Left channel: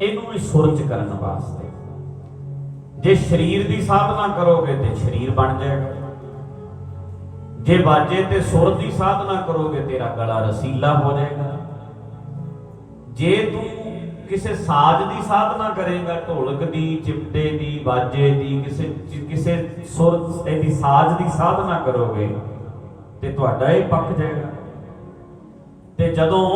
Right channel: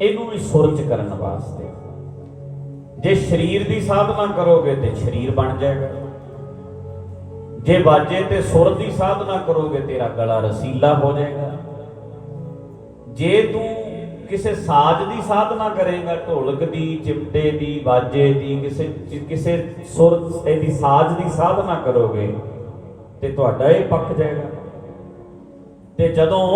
ਇਹਨੂੰ ਵੀ ਸੁਰਜ ਕਰਨ ਵਾਸਤੇ। ਜੇ ਸਰੀਰ ਦੀ ਸਾਧਨਾ ਕਰੋਗੇ ਤੇ ਸਰੀਰ ਬਣ ਜਾਏਗਾ। ਜੇ ਬਾਜੇ ਤੇ ਸੁਰ ਦੀ ਸਾਧਨਾ ਕਰੋਗੇ, ਤੇਰਾ ਗਲਾ ਰਸੀਲਾ ਹੋ ਜਾਏਗਾ। ਜੇ ਤੂੰ ਕਿਸੇ ਸਾਜ਼ ਦੀ ਸਾਧਨਾ ਕਰੇਗਾ, ਢੋਲਕ ਦੀ, ਚਿਮਟੇ ਦੀ ਬਾਜੇ ਦੀ, ਕਿਸੇ ਕਿਸੇ ਸੁਰ ਦੀ ਸਾਜ਼ ਦੀ ਸਾਧਨਾ ਕਰੋਗੇ ਤੇ ਤੁਹਾਡਾ ਇਹ ਪੱਕ ਜਾਏਗਾ। ਤੇ ਜਦੋਂ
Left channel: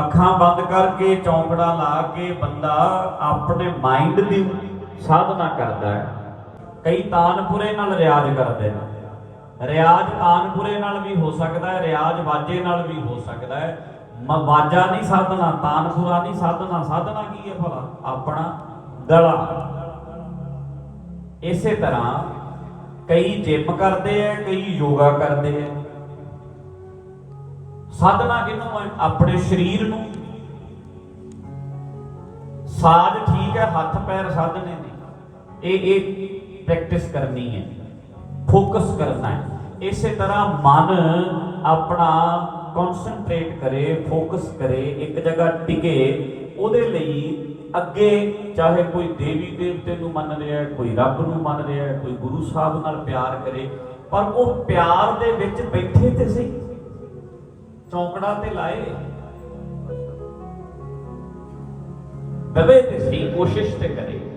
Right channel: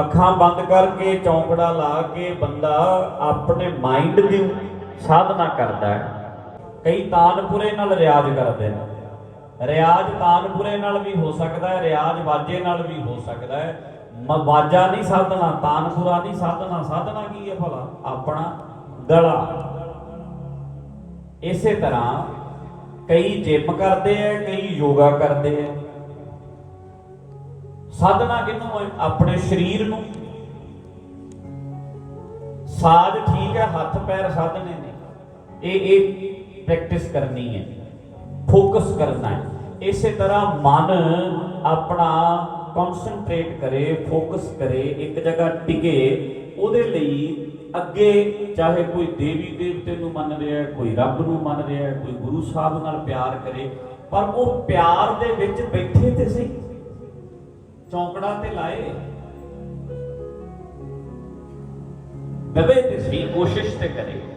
ਅੱਖਾਂ ਬੰਦ ਕਰਕੇ, ਚੌਂਕੜਾ ਲਾ ਕੇ ਬੰਦਾ ਆਪਣੇ ਮਾਈਂਡ ਦੀ ਸਾਧਨਾ ਕਰਦਾ ਹੈ। ਕਈ ਤਾਨਪੁਰੇ ਨਾਲ ਰਿਆਜ਼ ਕਰਦੇ ਨੇ। ਰਿਆਜ਼ ਤਾਨਪੁਰੇ ਨਾਲ ਵੀ ਹੋ ਸਕਦਾ ਹੈ, ਰਿਆਜ਼ ਵਾਜੇ ਨਾਲ ਵੀ ਹੋ ਸਕਦਾ ਹੈ। ਮ- ਵਾਜਾ ਨਹੀਂ ਸਾਧਨਾ, ਤਾਨਪੁਰਾ ਨਹੀਂ ਸਾਧਨਾ ਸਾਧਨਾ ਕੀ ਹੈ ਭਲਾ? ਆਪਣਾ ਗਲਾ। ਇਸੇ ਤਰ੍ਹਾਂ ਕਈ ਜਿਮ ਕਰਦੇ ਐ ਕਈ ਯੋਗਾ ਕਰਦੇ ਐ ਸਾਧਨਾ ਕਿਹਨੂੰ ਆਪਣੇ ਸਰੀਰ ਨੂੰ। ਸਾਜ ਠੀਕ ਹੈ, ਹੱਥ ਪੈਰ ਸਾਧਨੇ ਨੇ। ਇਹ ਇਹ ਪ੍ਰੈਕਟਿਸ ਕਰਨੀ ਹੈ। ਫੋਕਸ ਕਰਨਾ ਹੈ। ਇਸੇ ਤਰ੍ਹਾਂ ਮਨ ਆਪਣਾ ਕਨਸੈਂਟਰੇਟ ਕਰੇ ਫੋਕਸ ਕਰੇ, ਇੱਕ ਜਗ੍ਹਾ ਟਿਕੇ, ਉਹਦੇ ਲਈ ਅੱਗੇ ਚਾਹੇ ਕੋਈ ਦੇਵੀ ਦੇਵਤੇ ਨੂੰ ਮੰਨ ਰਿਹਾ ਹੈ ਕੋਈ ਰੱਬ ਨੂੰ ਮੰਨ ਰਿਹਾ ਹੈ ਕੋਈ ਗੁਰੂ ਸਾਹਿਬ ਨਾਲ ਪਿਆਰ ਕਰੇ, ਪਰ ਉਹ ਪਿਆਰ ਦੇ ਵਿੱਚ ਬੈਠੇ ਤੇ ਸਹੀ। ਚੌਂਕੜਾ ਤੇ ਲਾਏ। ਬਵੇ ਤੇ ਸਹੀ ਕੋਸ਼ਿਸ਼ ਤੇ ਕਰੇ।